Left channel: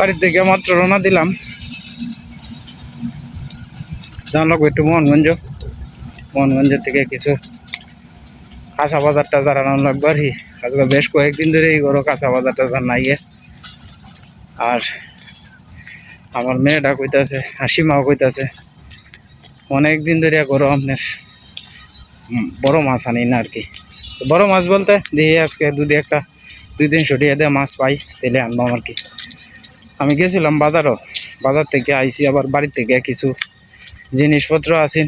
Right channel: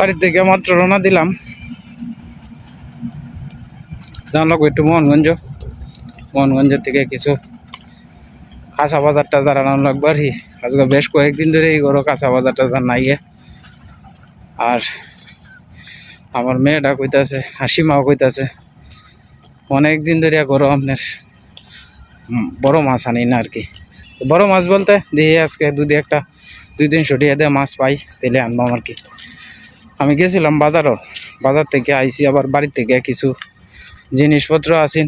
বাড়ির থেকে মাত্র রওনা দিলাম। জানলাম একটু মোহনগঞ্জ। মোহনগঞ্জের থেকে কিছু কাঁচা বাজার টাজার আনানো লাগবে আর আজকে বেশ কয়েকদিন ধরে এই ঘরও কাঁচা বাজার টাজার নাই আর আমার মেয়েটা কইতাছে হাসিমাও কইতাছে অনেক দিন ধরে ঘরও আপনার বড় মাছ আনি না আর কি। বড় মাছ বলতে, দেখি আজকে দুদি একটা দুই দিন ছুটিয়ে দিয়ে মাছ পাই তেলে আনব আর কি। আমি গেছিলাম বাজারও। বাজার থেকে আইসি আবার বাড়ির থেকে কিছু জিনিসপত্র আছেন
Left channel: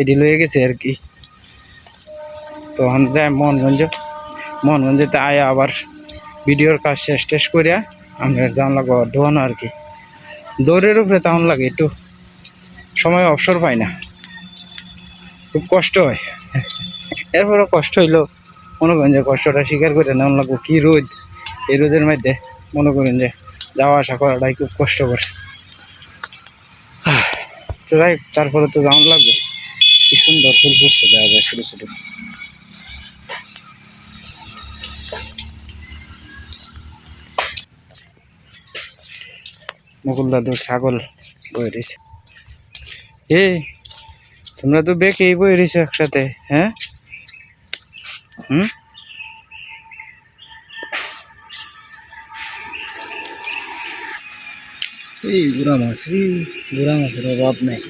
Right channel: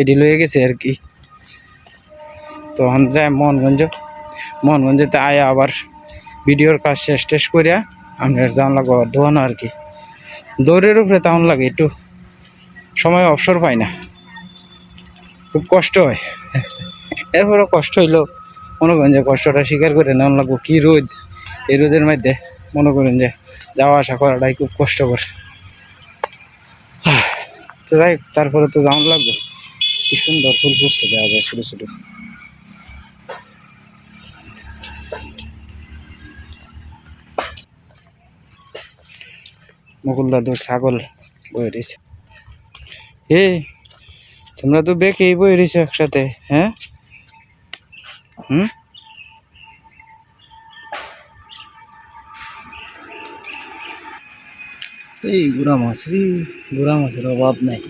এটি লয়ে গেছে আর কি। তো আমি যাই মোহনগঞ্জ, মোহনগঞ্জেতে আয়া আবার ভিডিওর কাজ শেষ টেস করিয়া আমি জান লাগবো ধোয়ানো আর কি। দৌড়ের উপরে তেমন লাগে, একটু সময় অবসর পাই না। খুব কষ্ট হয়। এরপরও কষ্ট হইল মনে করেন যে কষ্টটা স্বীকার করে নেওয়া লাগবো। কী রোদ, এই রোদের মধ্যে। মনে করেন যে যাওয়া আসা করাটাই খুব কষ্ট করে তো যাই তারপরে তো যাওয়ান লাগবে। কি সুন্দর ফুল ফুটছে, দেখা যায় ছোটো ছোটো। মুকুল দাদুর ছাগল বয়ে রয়েছে। এ, তোমরা তো বেঁকেই বয়ে রয়েছো একসাথে হ্যাঁ? হুম? এই বুড়া মাছ রে বুড়া মাছের অভাব নাই।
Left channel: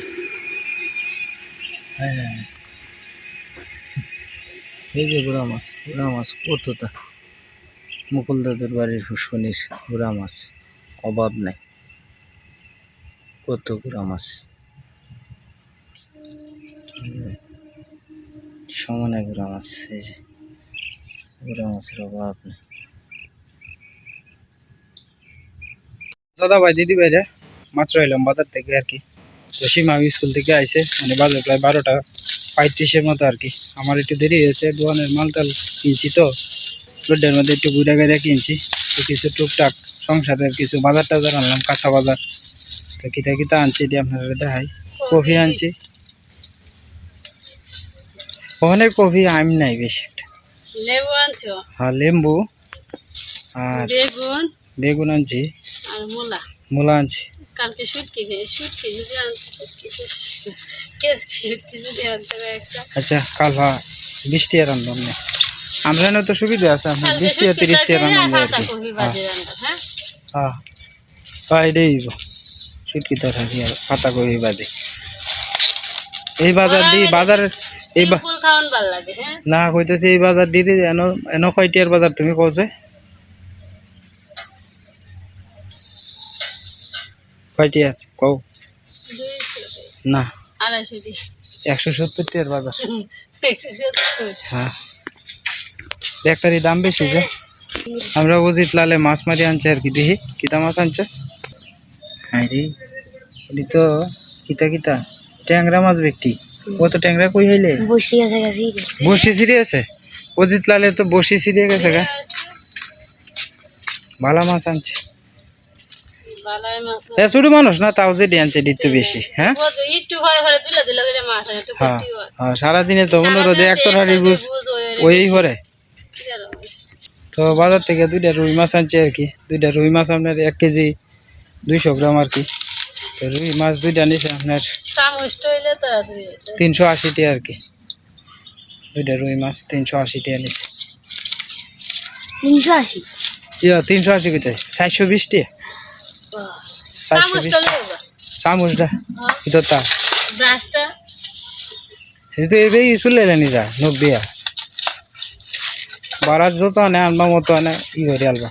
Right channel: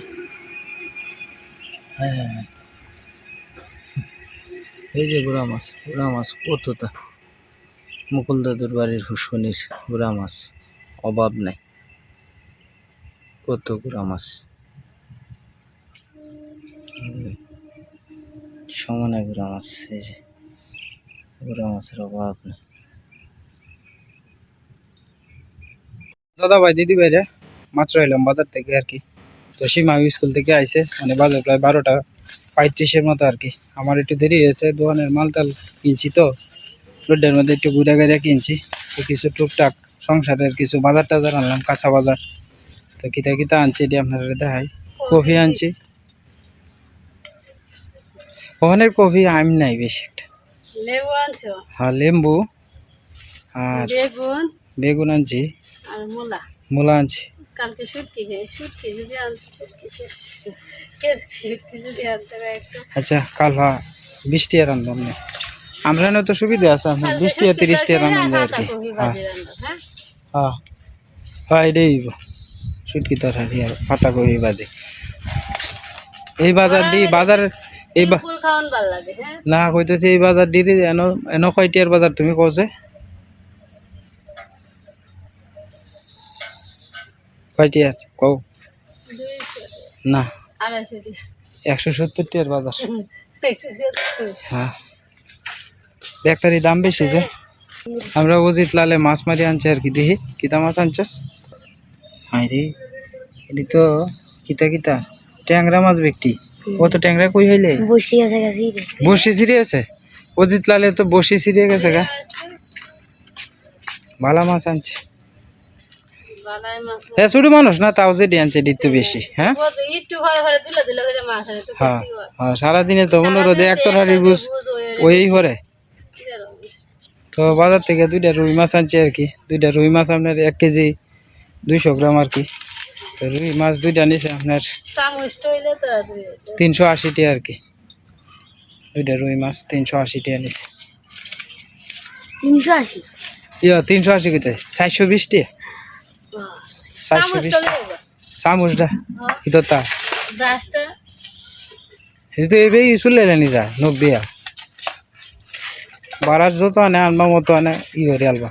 হ্যাঁ। এই যে বুড়া মাছ বুড়া মাছ কতটা। মুকুল দাদুর বাড়ির ফুসফুনির বুড়া মাছ, অভাব নাই। কত বুড়া মাছ। সমানে বুড়া মাছ, এই যে বুড়া মাছের অভাব নেই। দাদা ভাই দিদি ভাই রে মাত্র এলাম বাজার থেকে আর কি। তো সীমা স্কুল থেকে আইসে মানে বাজার প্রায় বারোটা পঁয়ত্রিশের মতো আর কি। আমার একটু দেরি হয়েছে দোকানের মাল টাল কিনছি তো রোডের মধ্যে একটু ঘুরে ঘুরে কিনছি। তো কিছু টুকটাক সংসারের কিছু বাজার টাজার আনলাম কাঁচা বাজার। তো কিতা কিতা আনছি এটি আপনারা দেখাই। কফি আনছি। ওখানে কফি আম নাই বেশি একটা। হ্যাঁ লেম্বু আর বেগুন। বেগুন আনছি। আর মূলা। মূলা আনছি। কালকে শুটকি শুটকি যদি আনতে কেস শুটকি যদি আনতে হবে একটা। আচ্ছা কাল হ্যাঁ বিশ রান্ধব না আমরা। তো সুবিধা আছে আপনার বিশ টাকা শুটকি তিরিশ কি কপি হ্যাঁ? হ্যাঁ এটাই তরকারি আর পাতা কবি বাজে। এই বাজার দি বাজার এই হ্যাঁ? না কইতেছি এই বাজার দিদি এন এন কয়টিয়ার বাজার তুমি কওছে? কয়টিয়ার কও। না। একশো সত্তর টিয়ার বাজার। হ্যাঁ। ব্যাগটারি দাম বেশি যে। আমরা উচিত লালে মাছ মারি আনছে আর কি। দেখি কিতা মাছ আনছস? হাই রে এটি তো কিতা কিতা? ট্যাংরা মাছ ব্যক্তি। ও তো ট্যাংরা কই হইলে? বসে ছিঁড়ে আছে? অজিত লালে তো বসি ছিঁড়ে গেছে গা। ভালা মাছ আনছে। হ্যাঁ ছোট মানুষ না তাও যে আনছে এটি তো বেশি হ্যাঁ? একটু দিলে করে মাছ একটু হ্যাঁ কটি হয়। হ্যাঁ, সারাদিনে তো মনে রোদে এক তরকারি বুঝ ওই করে তো বাজার থেকে দুইটা রুই মাছ আনছি আর কি দুইটা রুই মাছ আপনার এক কেজি দুইশো গ্রাম আর কি। তো রুই মাছ দুইটা নিছে আপনার। তিনশো আশি টাকা আর কি। দুইটা রুই মাছ তিনশো আশি টাকা নিছে। তিনশো আশি। ইয়া তিনশো আশি কোথায় চারশো বিশ টাকা চারশো চামচ বিশ তো লেবা চামচটা তা ব্রাশটা এটা তো এবেই চলে এলেনি যায় নব্বই যত আনে আনবা মতো আনে ই করে আলবা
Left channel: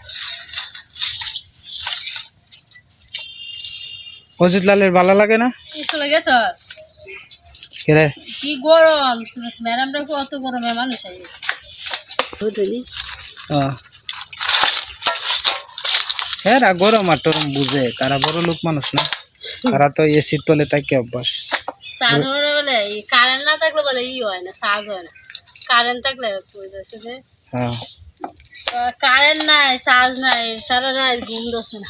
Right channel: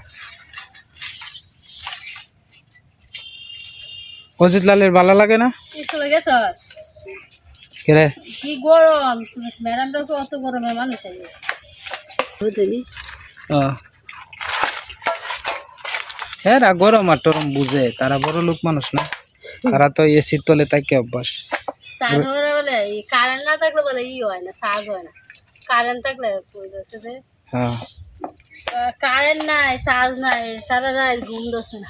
অজিত লালের ভালো লাগে না কি কেরে গরম ম্যাডামটা অত গরমে মানুষ আইয়ে বুঝলি হ্যাঁ রা গরম আর টরম বুঝে। তারা বড় লোক মানুষ না। তারা তো এসির তলে তাকে অভ্যাস। কারেন্ট না থাকলে বলে ই হয় না হয় না। কারেন্ট থাকলে যে হ্যাঁ। কারেন্ট নাই নাই সারা রাত ঘুম দছে না।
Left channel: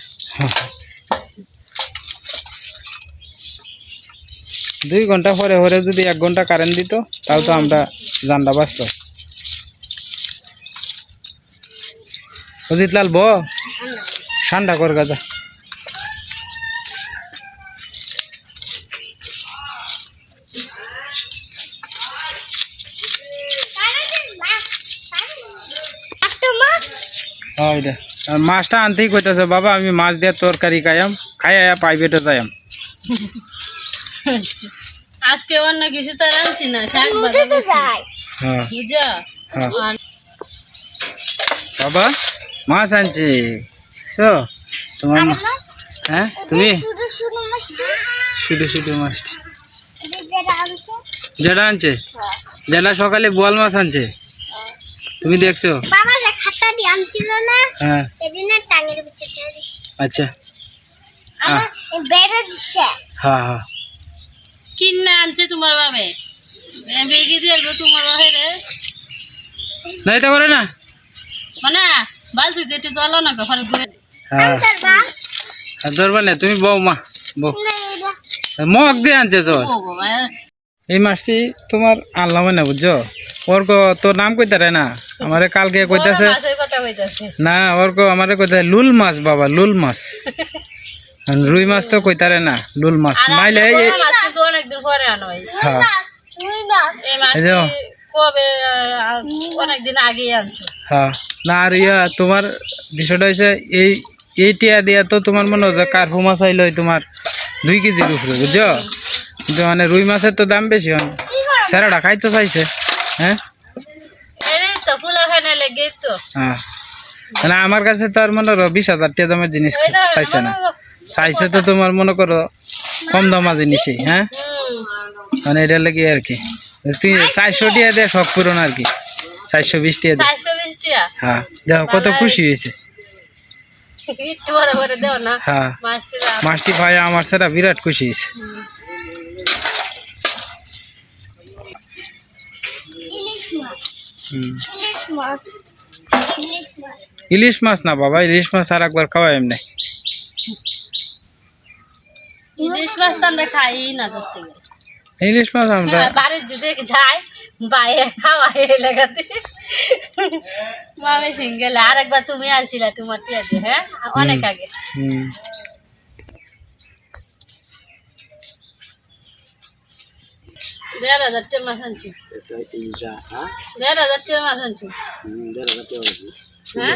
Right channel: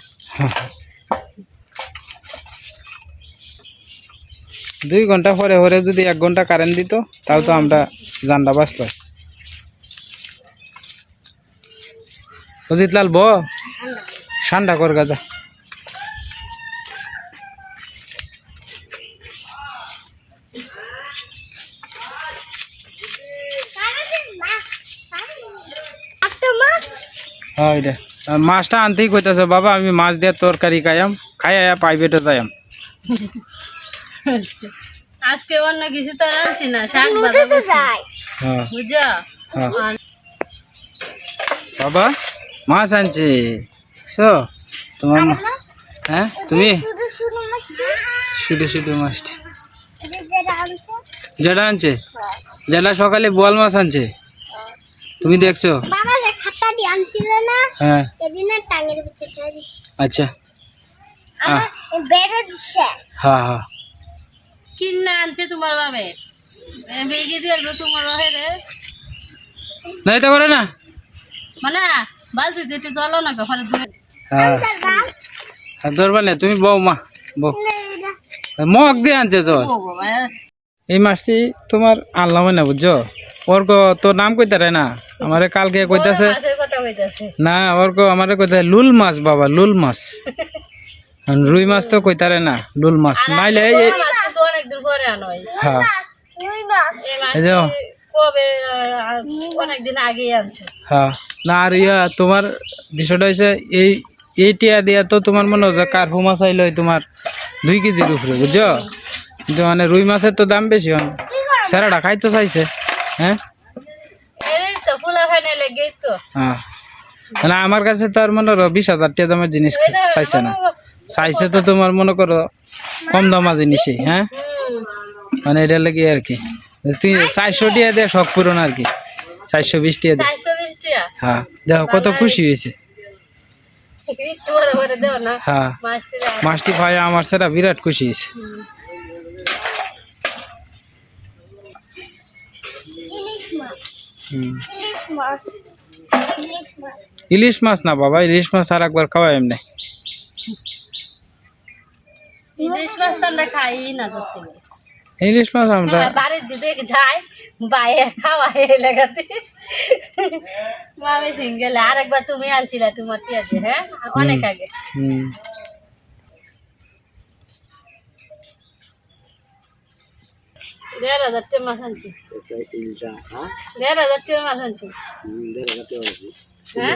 দুই ঘণ্টা পরে পরে যদি এক ঘণ্টা কারেন্ট দিত তাও তো আমরা জানটা বাঁচত। অজিত লাল ব ঠান্ডা কর গাজা। মাছটা আনতেই কইতাছে বাবা আমি মাছ দিয়ে তরকারি খাইয়াম খাই আয়া প্রাইভেটে যাইয়াম। আজকে অন্য কিছু তো রাঁধছি না শাক। হ্যাঁ। হ্যাঁ। বাবা মাছ আনছে। শো তোমার হ্যাঁ তুমি? শুধু শুধু মাছটি। যেটা আনছে। যেটা সকালে বোয়াল মাছ আনছে? তুমি দেখছ? বাবা যে খাতা দিয়ে আনছিল না? হ্যাঁ। আচ্ছা। হ্যাঁ হ্যাঁ। কিনে আনছে তোমার বাবে বেগে দিয়ে তোমার রে। না এটা করে না। মানে বালতিতে একটু জলাও না ঘরে ধুয়ে হ্যাঁ। আর ধরবা না তুমি বউ মা বউ। মগ দিয়ে আনছে তো। এই মাছটি তোমার আনলাম না বুঝছ? ওর তোর নাম কইতারে না? আমারে কালকে কইতাছে না ওর কো আমারে কইতাছে লুল মাছ বাবা লুল মাছ। রুই মাছ তো কইতারে না লুল মাছ। নাইলে হ্যাঁ। হ্যাঁ। না আর ইয়া তোমার বিষয়টা হয়েছে এই এই টিয়া দিয়া তো তোমার মনে হয় যে কার্পু মাছ আইলো তোমার দুই কেজির উপরে বুঝছ? কিন্তু মানে রুই মাছের তো দাম বেশি হয় স্যারাটা খাইতে চাইছে হ্যাঁ? হ্যাঁ। না আমার কাছে তো আর মনে করো বিশ হাজার টাকা দামের জিনিস চাইছে না। মানে- চাইছে তো তোমার মনে করো কম দামা জিনিসই হ্যাঁ? মানে এটা লাগে আর কি। তুই চারশো টিয়া দিয়ে শখ পূরণ আর কি। চারশো বিশ টিয়া দিয়ে। হ্যাঁ। দেখো কত খুশি হয়েছে একটু বড় করে দেও না হ্যাঁ। মাছটি ভাই আমার সেটা বিরাট খুশি ইলিশ মাছ না বাবা ইলিশ মাছ আর একবার খাওয়াই এমনি। ইলিশ মাছ তো আমরা খাই না ধরতে গেলে ইলিশ মাছ আমরা হ্যাঁ, বাড়ির যদি যায় বাইরে খাওয়াই লাগাতে। মামি সিঙ্গেল আর একবার তুমি আনছিলা তোমার টিয়াতে হ্যাঁ? অনেক আগে। হুম। দেড় হাজার টাকা মাছ আনছি। দেড় হাজার টাকা মাছ আনছি। হ্যাঁ?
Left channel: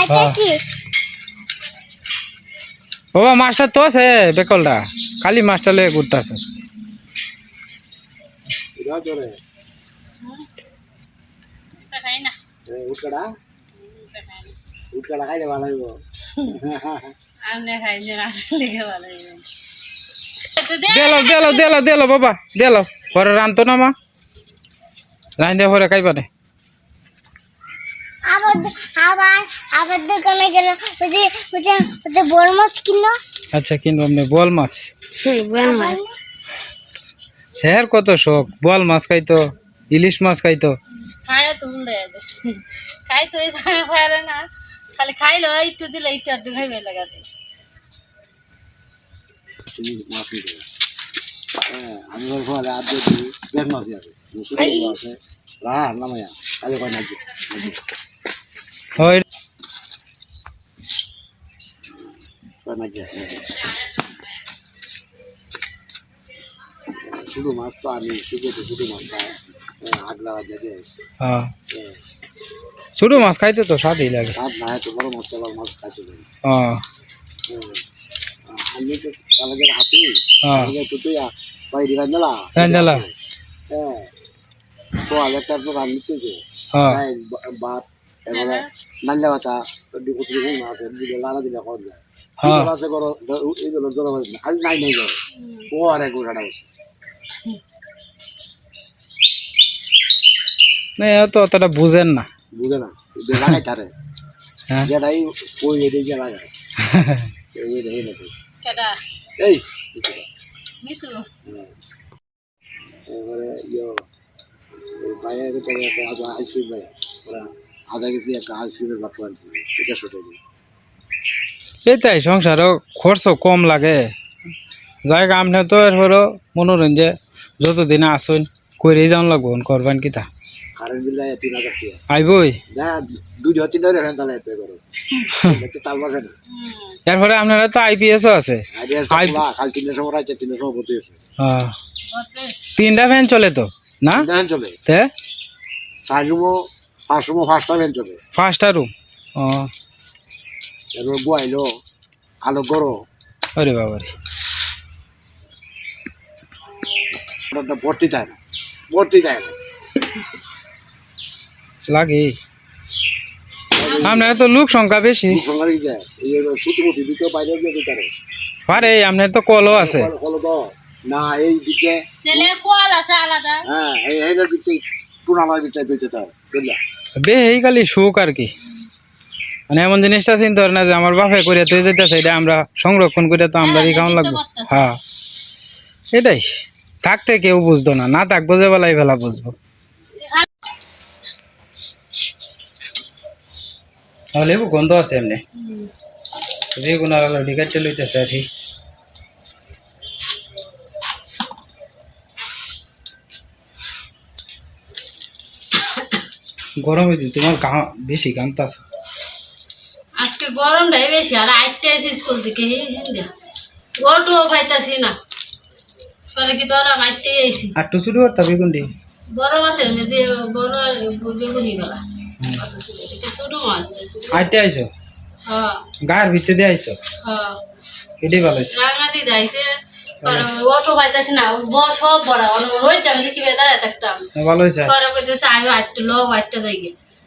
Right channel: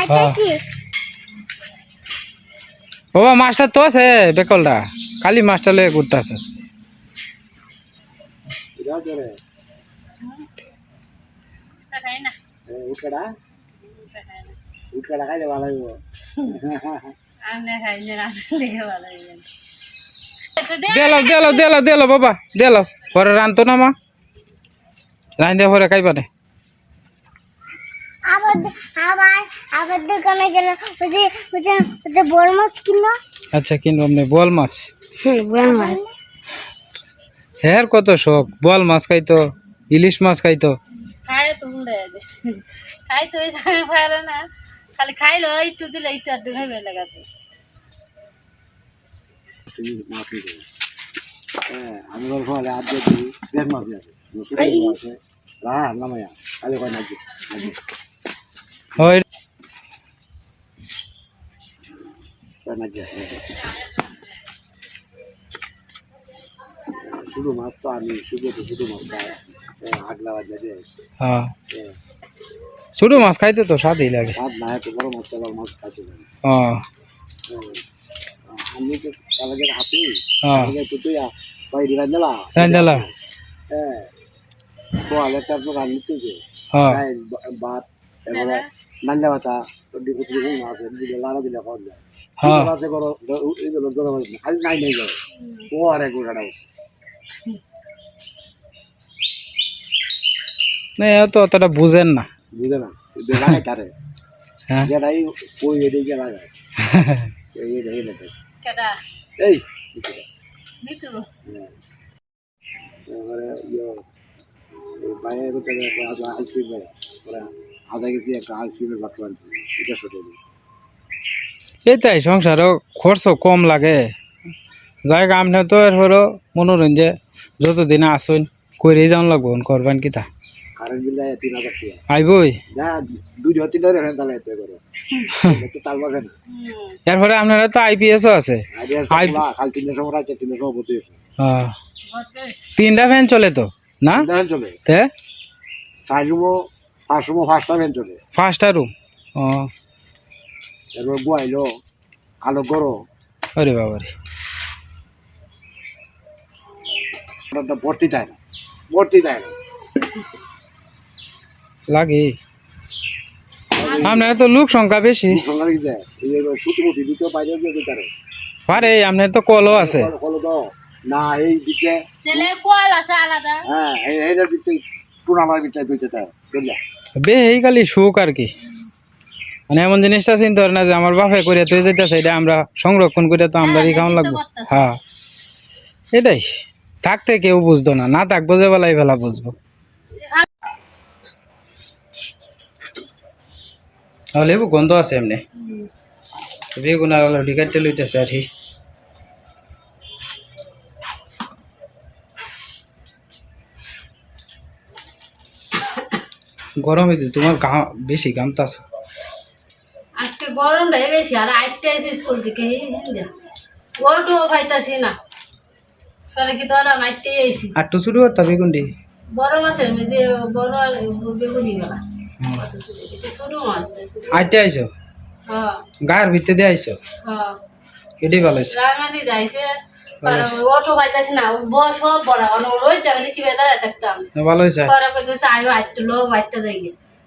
হ্যাঁ। বাবা মাছটা তো আছে বেকলটা খালি মাছটা লয়ে ঘুরতে আছে তা খাই না। তা খাই না আমরা খাই যে রান্না লেগে ভালো দে দেলো দেলো দেলো দেলো বাবা দেলো। পরে রানতো না মা। রান দিয়ে পরে খাইবা নে। আবার আবার আবার দোকানে গেল। ওই যে ওই যে ওই যে বড় মাছ কিনো আচ্ছা কিনবো আপনি বল মাছ? হ্যাঁ কত শখ? বল মাছ খাইতো ইলিশ মাছ খাইতো। খাই তো হুন্ডা খাই তো এই পারে না। খালি খাইলো একটু দিলে একটু আড্ডু খাইবে লাগাতে। আমি বলব আজ যদি দেখ মাছ আছে। রাহা নামায়া। কালে কয় নাকি? হয় শুধু মাছ তো আমি শুধু তো শুধু মাছ খাই আগলা যাবে হ্যাঁ। ছোটো মাছ খাইতে তো স্বাদই লাগে। রাত না তো বড় মাছ চলার মাছ খাইতে পারি। হ্যাঁ। আমি তো কালকে হাসি হ্যাঁ। তো তুই বাইরে রান্দালা রান্দালা। হ্যাঁ তো আলেকটা তো রান্নিতে যে। হ্যাঁ। ভাত এবারে নান্লা ভাতা ডিপুটি আছে দিলে লারা দিলে খাওয়া যায় হ্যাঁ। আছে করো এইগুলো জোর আজ নাই নাই যাও ও আর এক গোটাটা না এ তো অতটা বুঝেন না। বুঝে না যে লাগাই তারে হ্যাঁ। যেটাই ওই এদিকে লাগায়। এই এই এই এই কেডা? এই মিতু? হ্যাঁ। এবারে ইয়ে বাইরে থেকে আইসক্রিম ভাই ওরা আধা কেজি একটা এটা দিই। এটাই সংসারও খরচ কম লাগে। যাই আপনি তো এরপরও মনোরঞ্জে যতদিন আসুন করেই যাওয়া লাগবো করবেন কিতা কারেন্ট বিল দেয় তিন হাজার টাকা। আইবই। না দুই হাজার তিন হাজার এখানে তাহলে এতে করো। একটু তাল বসে না। এরপরে আপনারা তো আইপিএসও আছে। আই- কাল তিনটার সময় আছে তিনটার সময় ভর্তি হয়েছে। তিনটা ফ্যান চলে তো না? চলে। তে? চার পাঁচ রুমও পাঁচটা ভ্যান চলে ফার্স্টটা রুম ও এরপর বয়াইলো আলো করো আরে বাবারে ওটা ভর্তি দেয় না ভর্তি দেয় না লাগে আপনার তো লোক সংখ্যা বেশি। পারে। আপনার তো কলও আছে। না এই দিকে। কোয়াল আছে আলাদা। হ্যাঁ এই ভিতরে টুনালার ভিতরে দিতে দেয় বুঝলা? বে এই খালি সুখ আর কি। মানে এমন জিনিসটা চিন্তা করে না যে আমার বাপে করে তুই যেতেছে এটা আমরা সংরক্ষণ করে তো আমরা হ্যাঁ, কেমন লাগবো। হ্যাঁ এটাই। থাকতে কেউ বুঝতো না না থাকব যে বেলায় বেলা বুঝব। লেবু গন্ধ আছে এমনি। বেগুন আর আলু কাটতে লইতেছে আর গরমে তো তোমার গা বেশি গামতাছ আজকে গরমটাই বেশি আর আইতে আইসি স্কুল থেকে ওটুও পাইতাছি না। পরে কি তোরা মাইতে আইসি আর টু শুরু করতা বেগুনটি বড় মাছের মধ্যে বড় বেগুনি বেলা ছোট মাছ আইতে আইছো? হ্যাঁ। গায়ের ভিতরে দিয়ে আইছো? হ্যাঁ। এটাই ভালো হয়েছে। রাঙাতি যাইছে অটো পাইতাছি না বস সব বড় অন রোজ আমি দেখি দাঁড়ায় থাকতাম। ভালো হয়েছে? পরে কইতেছে আইও আটটা লোক আটটা যাই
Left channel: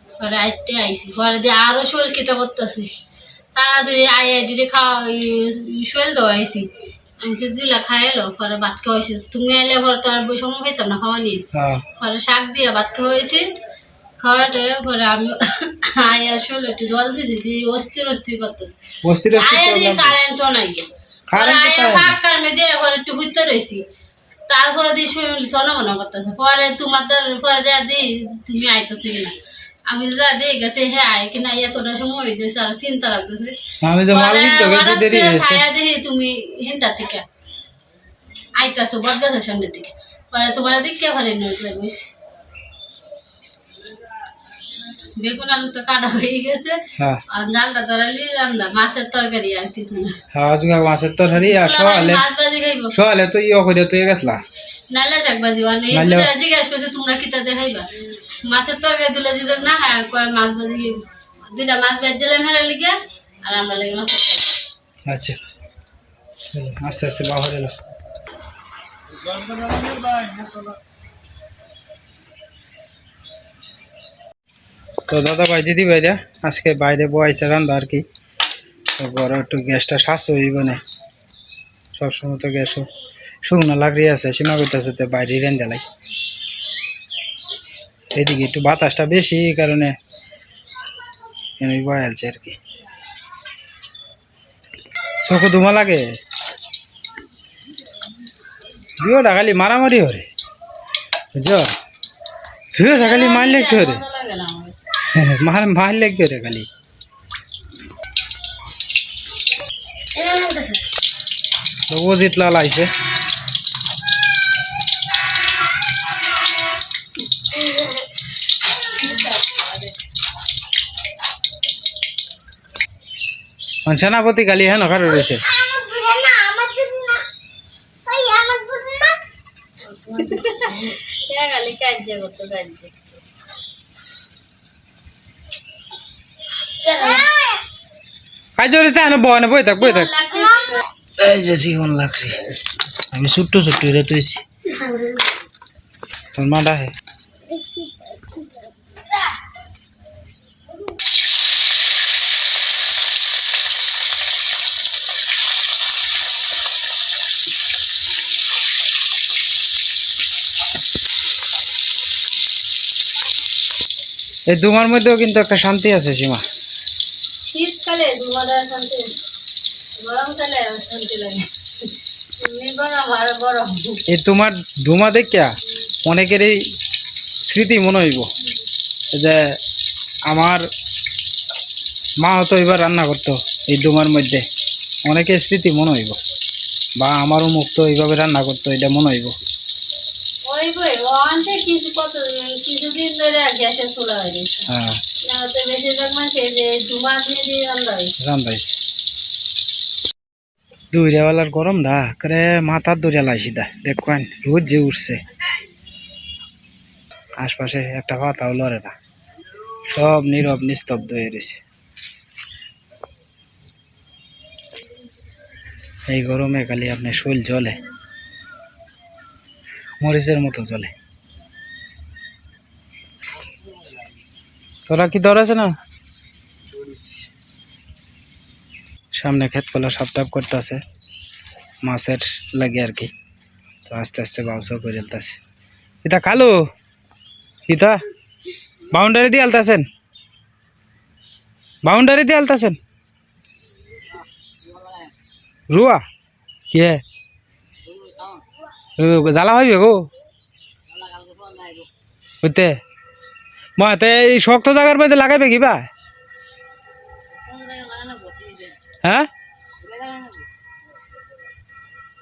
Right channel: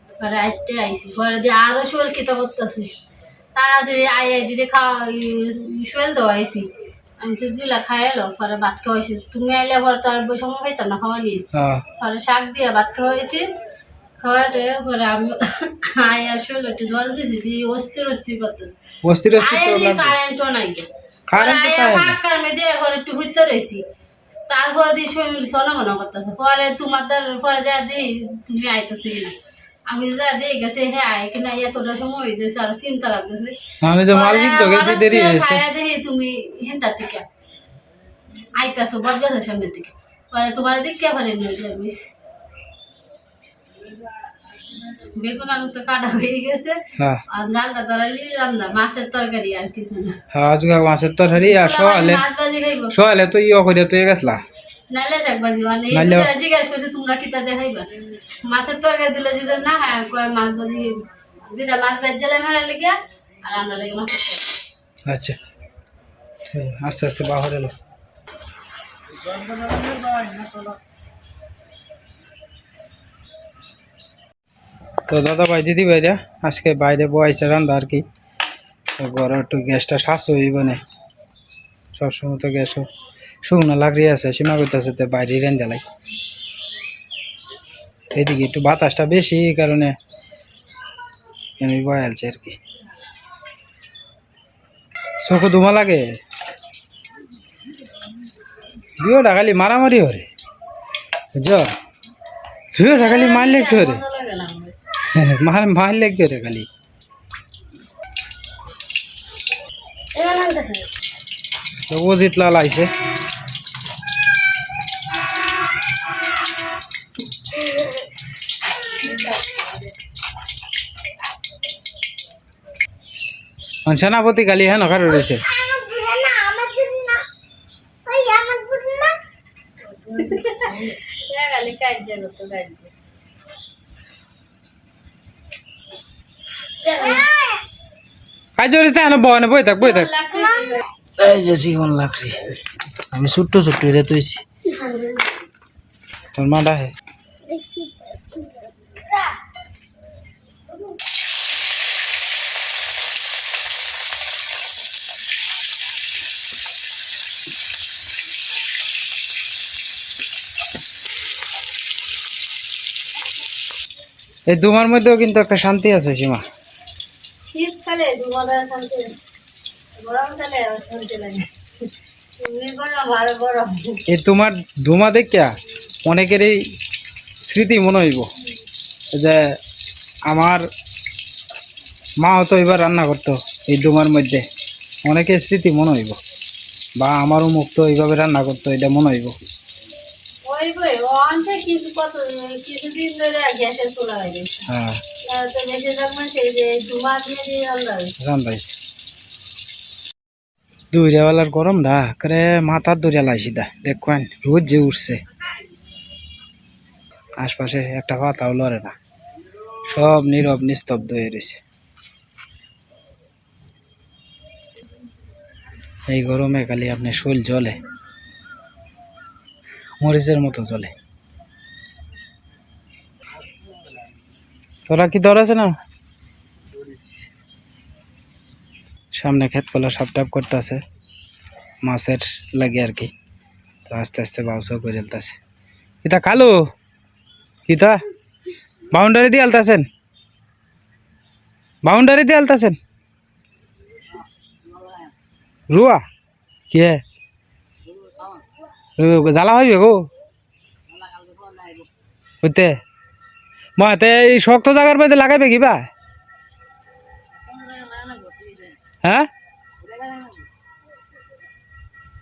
পরে আটটে আইসি পরে দিয়ে আরও শোল খেতে করতেছি। তাড়াতাড়ি আই আই দিদি খাওয়া শোল আমি সে দিলা খাই এলো পরে ভাত খাওয়াইছি তুমি আইলে পরে তো আর সময় পেতাম না খাওয়া নিয়ে। হ্যাঁ। পরে শাক দিয়ে ভাত খাওয়াইছি খাওয়াতে পরে আমি আই আর একটু জল দিছি অস্থির অস্থির করতেছি। আয়া দিয়ে কারেন্টও নাই গিয়া। পরে তারপরে দিয়ে শরীর সোনা মনে করতেছে। পরে তোমার পরে যা দিই তুমি আইতেছি কিনা? আমি যা দিয়ে গেছে হ্যাঁ কিনা এতটা সময় হয়ে যাচ্ছে আর চিন্তা লাগতেছে। আমি যে মাল কিনতে গেছি দেরি হয়েছে। ছায়া দেখি তুমি হিন্দার থেকে আইতাছো বট গাছের সামনের দিকে পরে তোমার দিক কে ঘরে নিয়ে বেগুন আলু তো কাটা হয়ে গেছে। হ্যাঁ। আর ডালটা তরালি রান্না মাছের তরকারি আর কিছু না। হ্যাঁ আজকে মাছের তরকারি আর সকালে সকালে তো ইয়ে করে তুই গেছলা। নালে শাক ভাজি মানে এই দুটা জিজ্ঞাসা করছে তোমরা কিতা দেখাইবা মাছের তরকারি দিলে যদি না খায় কয় মাছ ভাজি দুইটা মাছ ভাজি মেলা লেগে আর আমরা লেগে মাছের আচ্ছা। আস্তে আস্তে বাহর এলো তো দাদা ভাই, দিদি ভাইরা আজকে বাইরে বয়াইছে রান্না আর কি। তো ঘরে একটু গ্যাসটা শ্বাস হইব না সবসময় তো গ্যাসও শুকনো লাগরি আছে, সীমা করতেছে তো বাইরে লাই। এদিকে একটু বাতাসটা বেশি, এই কারণে বয়ালছে আর কি। চোখে ধুমা লাগে। দুয়োটা খালি মারামারি হরে। বুঝছ? দুয়োটা খালি মারলে কি হরে? মার মারলে কি হরে খালি। ও জিতলা লাইছে। সেনাপতি কালি হ্যাঁ নখার রয়েছে। আমার দুধ না আমার দুধ না ওই আমার দুধ না এটা খালি কাজ করতো কাজ কাজ করিস না বই থাক বই থাক। এই যে জীবন আমি ছোট্ট ছোট্ট রে তুইছি তোর মাটা হে। এই দুমার মধ্যেও কিন্তু একটা শান্তি আছে, সীমা। শীতকালে দুমাদার শান্তি গরমকালে শান্তি লাগে এই তোমার ধুমা দেখিয়া অনেকেরই স্মৃতি মনে হইব। যে আমার মা হতো এবার রান্না করতো এই ডুমার মধ্যে। অনেকের স্মৃতি মনে হইব। বা আমারও মুখ তো এইভাবে রান্না করতো এটা মনে হইব। কিছু কত কিছুদিন ধরে গ্যাসের চুলা হয়ে গেছে। হ্যাঁ। তো বেশিরভাগ মানুষ এই যে ধুমা দিয়ে দিয়ে রান্না হয়েছে। রান্দাইছে দুইরাওয়ালার গরম না করে মাথার দরিয়া লাইছি দা দেখবেন রোজ যে উঠছে। আশপাশে একটা পাতাও লড়ে না। সব নীরব নিস্তব্ধ হয়ে রয়েছে। এই গরমে খালি আপনি শৈল জলে মরিচের মতো জলে তোরা কি দর আছে না? সামনে ক্ষেত কলা সাপ টাপ করতেছে। মাছের লাগে আর কি। তো আস্তে আস্তে বাউসাও করে ফেলতেছে ইতা কালু? ইতা? বাউন্ডারি দিয়ে আলতাছেন? বাউন্ডারি দিয়ে আলতাছেন? রুয়া? কে জ্বালা হইবে গো? হইতে? মতে এই শক্ত জায়গার মধ্যে লাগাইবে কিবা হ্যাঁ?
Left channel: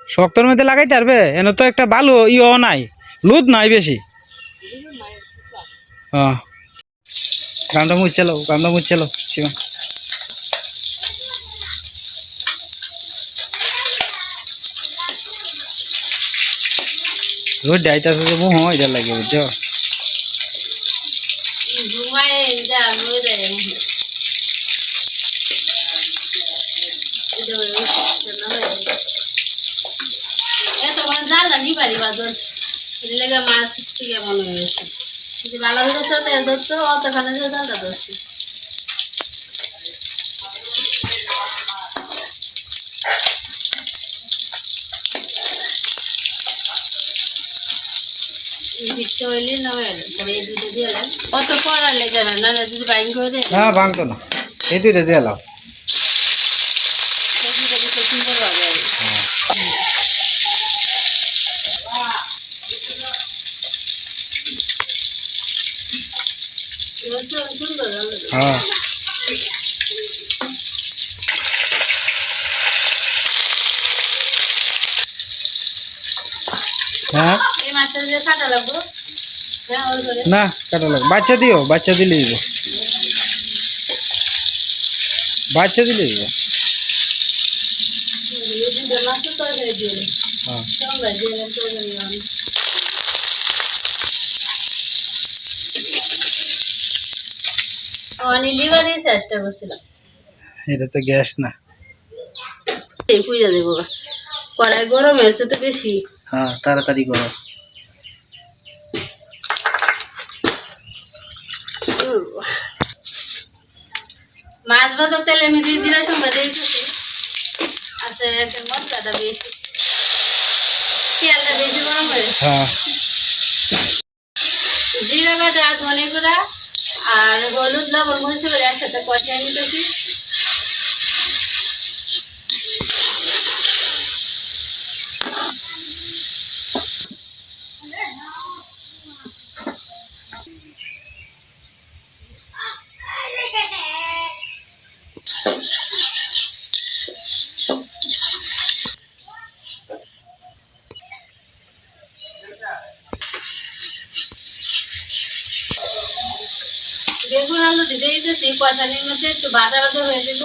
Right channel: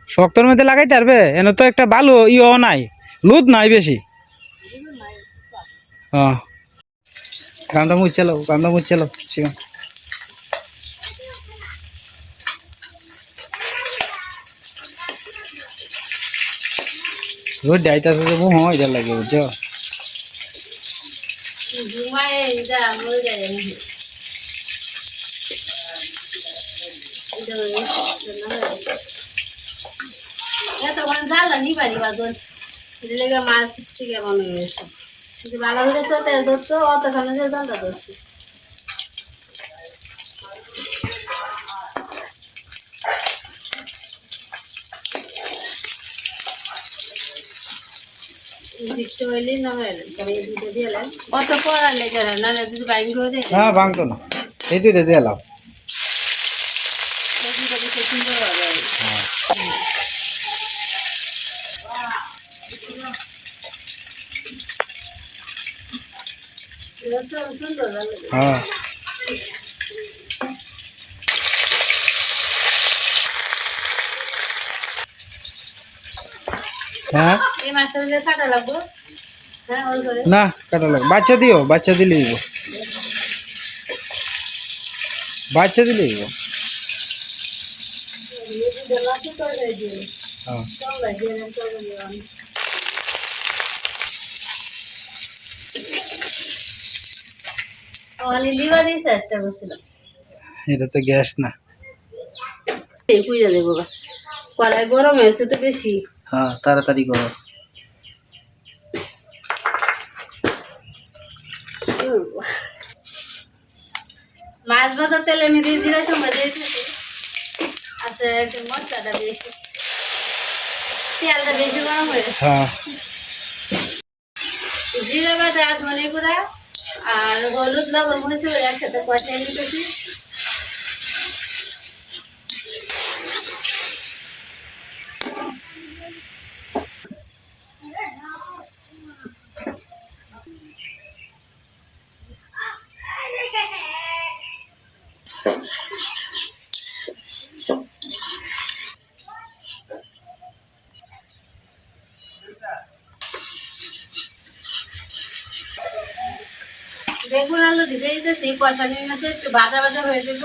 শক্তর মধ্যে লাগাইতে পারবে? এনে তো একটা বালু, ইও নাই, লুদ নাই বেশি। শিবা। রোদ ডাইতাছে যে মুহ, এটা লাগে, বুঝছ ধুমায় যা মরে যায় এমন। এটা ওই রান্না হয়ে যায়। এত নি পারি বাদর এটা লেগে মাছ থেকে এমন হয়ে গেছে যদি ভালো হয়ে তো তেল ধরতো অতখানে যে জ্বালা ধরছে। হয়ে অত পড়ার লেগে না না যদি বাইন করে দেয় না ভাঙতো না। এই দুইটা দিয়ে লাও দুটো দিতে সুন্দর হবে আর কি। এবার তো সুন্দর রান্না করে। হ্যাঁ। হ্যাঁ? কাটা লাগবো? হ্যাঁ না কাটা লাগে বাচ্চা দিও বাচ্চা দিলে দিব বাচ্চা দিলে দিব। হ্যাঁ লিভারই চেষ্টা করছিলাম। এটা তো গ্যাস না। এই দেবো বা। কড়াই গরম হয়েছে তো বেশি। হ্যাঁ তাড়াতাড়ি করো। মাছ ভাজা তেলে আমি দিয়ে জিরা সময় দিয়ে দিতেছি আচ্ছা মশলাটা বেশি। তেলটা বেশি গরম হয়ে হ্যাঁ। জিরা বাটা ধনে গুঁড়া আর হলুদ লবণ মরিচ একসাথে কষাই নিতেছি বেগুন আলু দিতে দিতেছি কষানির মধ্যে একটু ভাজা ভাজা হয়ে যাব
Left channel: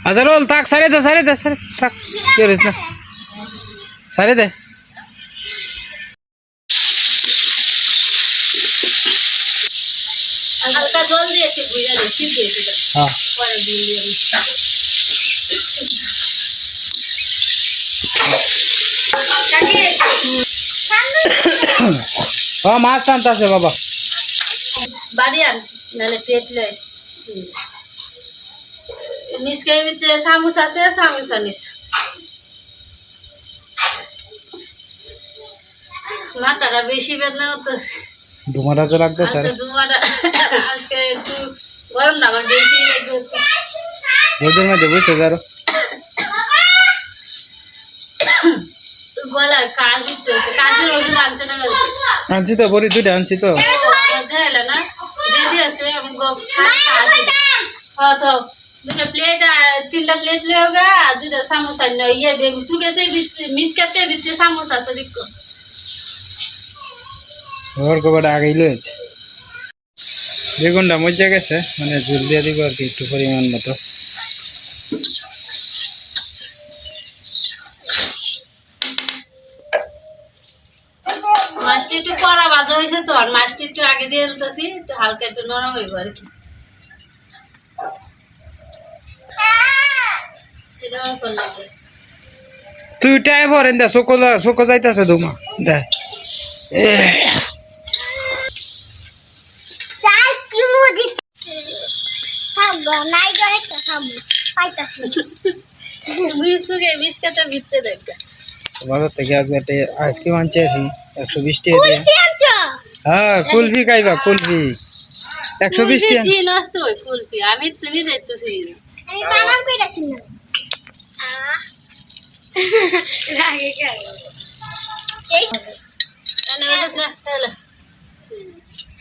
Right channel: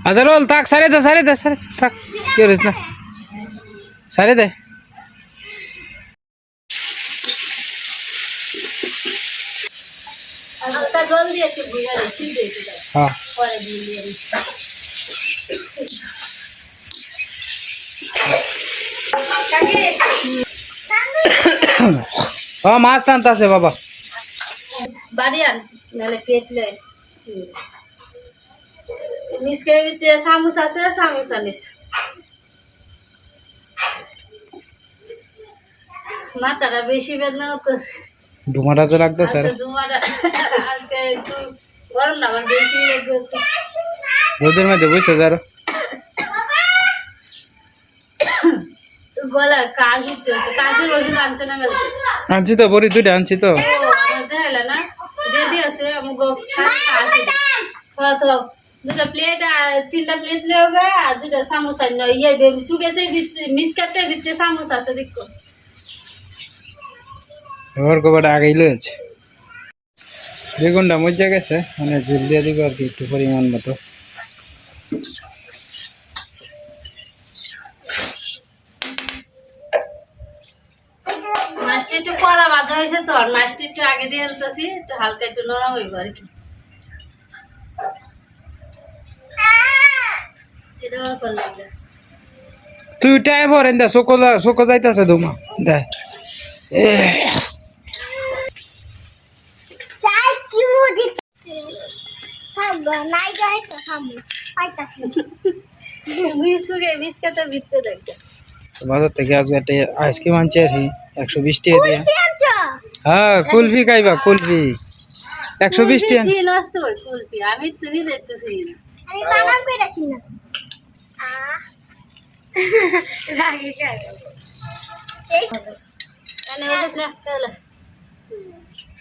আচ্ছা রোল থাক সারে দে সারে দে সারে দে, থাক কি করিস না? সারে দে আর হালকা জল দিয়ে একটু দিই সিদ্ধ হ্যাঁ। পরে দিয়ে ও মাছ টানতে আছে বাবা। বাড়ি আন নাহলে পেট লয়। মিসকের ভিতরে চামচ আছে চামচ আনিস মাথাটা বেশি বেদনা হতেছে ডুমারা তো লাগতেছে আজকে দুমাটা আজকে একটু গরম না আমার বেশি লেগে রোদের মধ্যে বসে যারো গলার কাজ উঠতেছে কাজের ওজন আনছে তো বড়ি দুইটা আনছি তো। হ্যাঁ দুটা প্লেট তিনটা প্লেট লিও দুটা সামোসা ইয়ে সুগেছে মিস কাপে ভিতরে সামোসা তো দেখো। ওর কবাটা আগেই লয়েছে বেগুনটা মজা গেছে মানে ঝুল দিয়ে দিব আর কি একটু পরিমাণ মতো। মাছটা একটু কড়া বাজা হয়েছে তো আর মাছটা একটু আগে দিয়ে দিতেছি একটু হালকা একটু নরম হইব আর কি। তুই টাই ভরেন দে চোখ চোখ যাইতেছে দুমা দে। নাই গয় তো থামবো পাইতাছি। বিস্কুটে বিস্কুটের ভিতরে দেখবে। বাজার থেকে আজকে একটা আইসক্রিম আনছি আর একশো বিশ টাকা দিয়ে। হ্যাঁ কুলফি খাইবা কুলফি। একশো বিশ টাকা। জি নষ্ট কুলপি আমি তো নিজে তো না। আমি বানাম কইতাছি রাগে কেন এই কেন বেজত না তাহলে।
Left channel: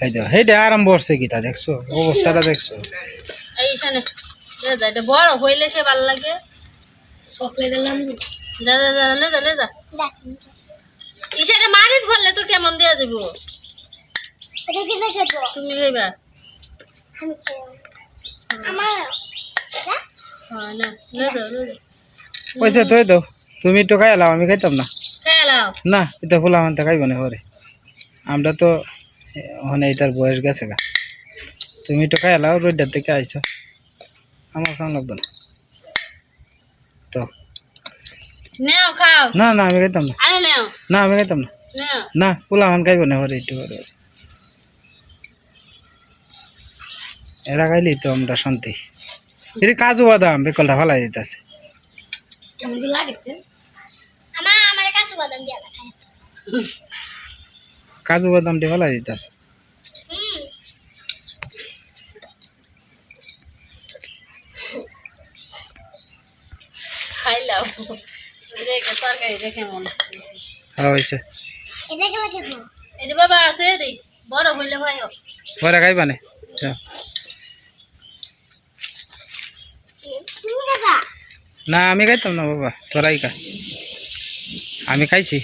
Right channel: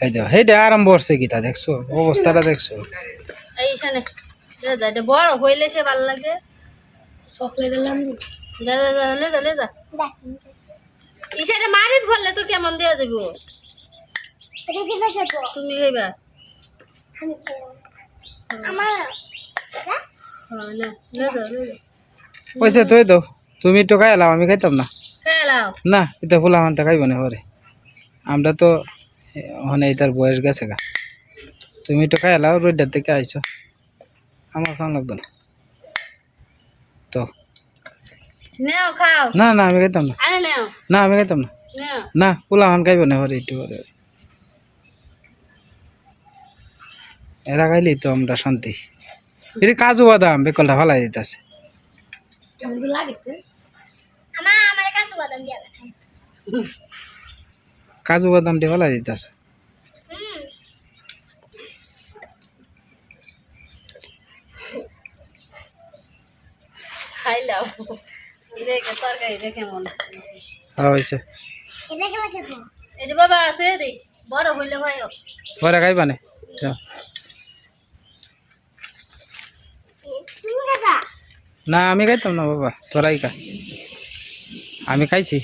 এই দেখো আরম্ভ করছে কি তা দেখছ? অবস্থাটা দেখছ? এই সানে দে দা এটা বড় হইলে সে ভালো লাগে। লে দা লে ইসারে মারিত তো কেমন দিয়ে দেবো তো? তুমি হইবা আমি আমার হ্যাঁ? হ্যাঁ না লে লে পয়সা তুই দাও তুমি একটু খাই এলাম আমি খাইতাম না। না এটা ফুলা মানতে খাইব না পরে। আমরা তো ওখানে এটার বয়স গেছে গা। তুমি একটু খাই এলাও রোডটার থেকে আইছো আমার খাওয়া লাগতো না। তো। নেও খাও। না না আমি খাইতাম না। আরে নেও। না আমি খাইতাম না। না পোলা মান খাইব না পরে একটু পরে এরা খাইলি তো আমরা শান্তি। এটা কাজু বাদাম বেকলটা ফালাই দিতেছে। কেমন কি লাগেছে। আমার আমার কাছে বাদাম দিয়া কাজু ফালাই দিতেছে। হুম দেখে তরকারি দেখে মনে। হ্যাঁ হয়েছে। এটা গেলে খেতো এই যে বাবা তুই দেই বড় হইলে ভাই পরে খাইবা না আমি খাইতাম না বাবা তোরাই খা। আমি খাইছি।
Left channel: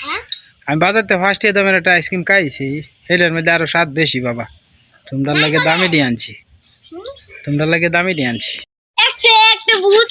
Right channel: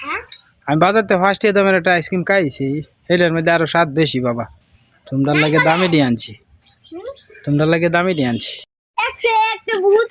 হ্যাঁ? আমি বাজারতে ফার্স্ট দামের একটা আইসক্রিম খাইছি এটার মধ্যে আরও স্বাদ বেশি বাবা। তোমরা লাগে দামি দিয়ে আনছি। তোমরা লাগে দামি দিয়ে আনছি। একটা একটা ভূত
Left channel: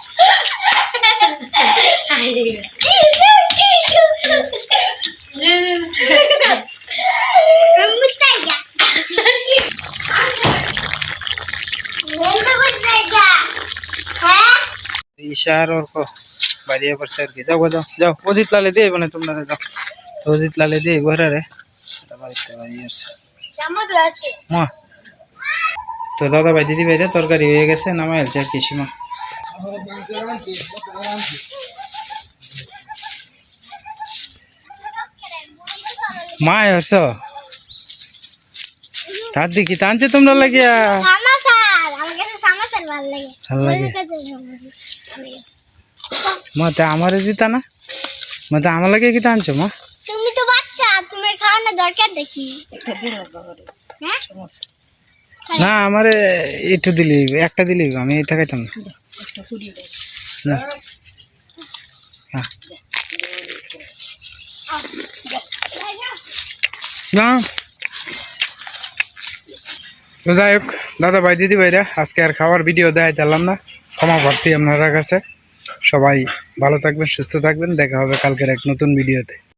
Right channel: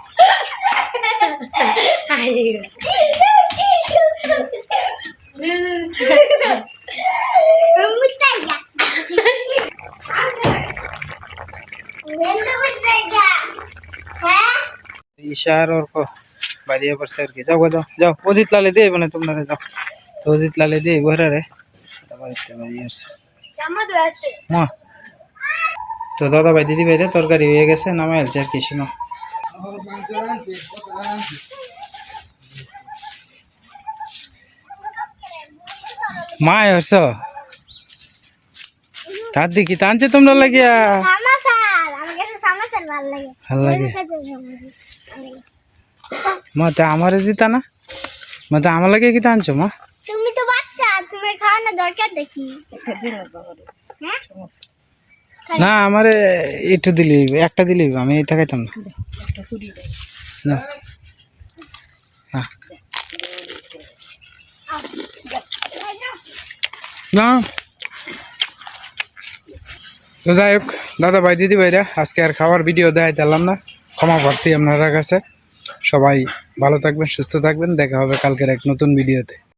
মুতাইয়া মুতাইয়া হ্যাঁ ঈশার অর্ক বাড়িয়ে পড়ছে আর কি যাও গো, যাও যাও অজিত লালে দিয়ে মানে তোমরা যাও তো অজিত লালে দিয়ে ঘরে রে বাড়িতে বাড়িয়ে আসছে জামা তো আছে মা তো দাদা ভাই দিদি ভাইরা তরকারি হয়ে গেছে নামাই আলছে আর কি সীমা মা হর্ষ তার দিকে টানছে তোমরা লাগিয়া সামাসার আমার কাছে সামাসার ভালো লাগে ভালো লাগে আমার কাছে সামাসার। মা তা আমারে দিতা না মা তা আমার লাগে কি টানছো মা তুমি তো বাচ্চা তোমার খাওয়ানোর দরকার দেখি হ্যাঁ না, আমারে একটু দিলি, একটা দিলি, আমি এটা খাইতাম না। না। না। তো যাই হোক, দাদা ভাই, দিদি ভাইরা, আজকে আর খাওয়ার ভিডিও দেয় দিলাম না। ক্ষমা প্রার্থী আপনারা কাছে। সবাই ভালো থাকবেন, সুস্থ থাকবেন। দেখা হবে কালকের এক নতুন ভিডিওতে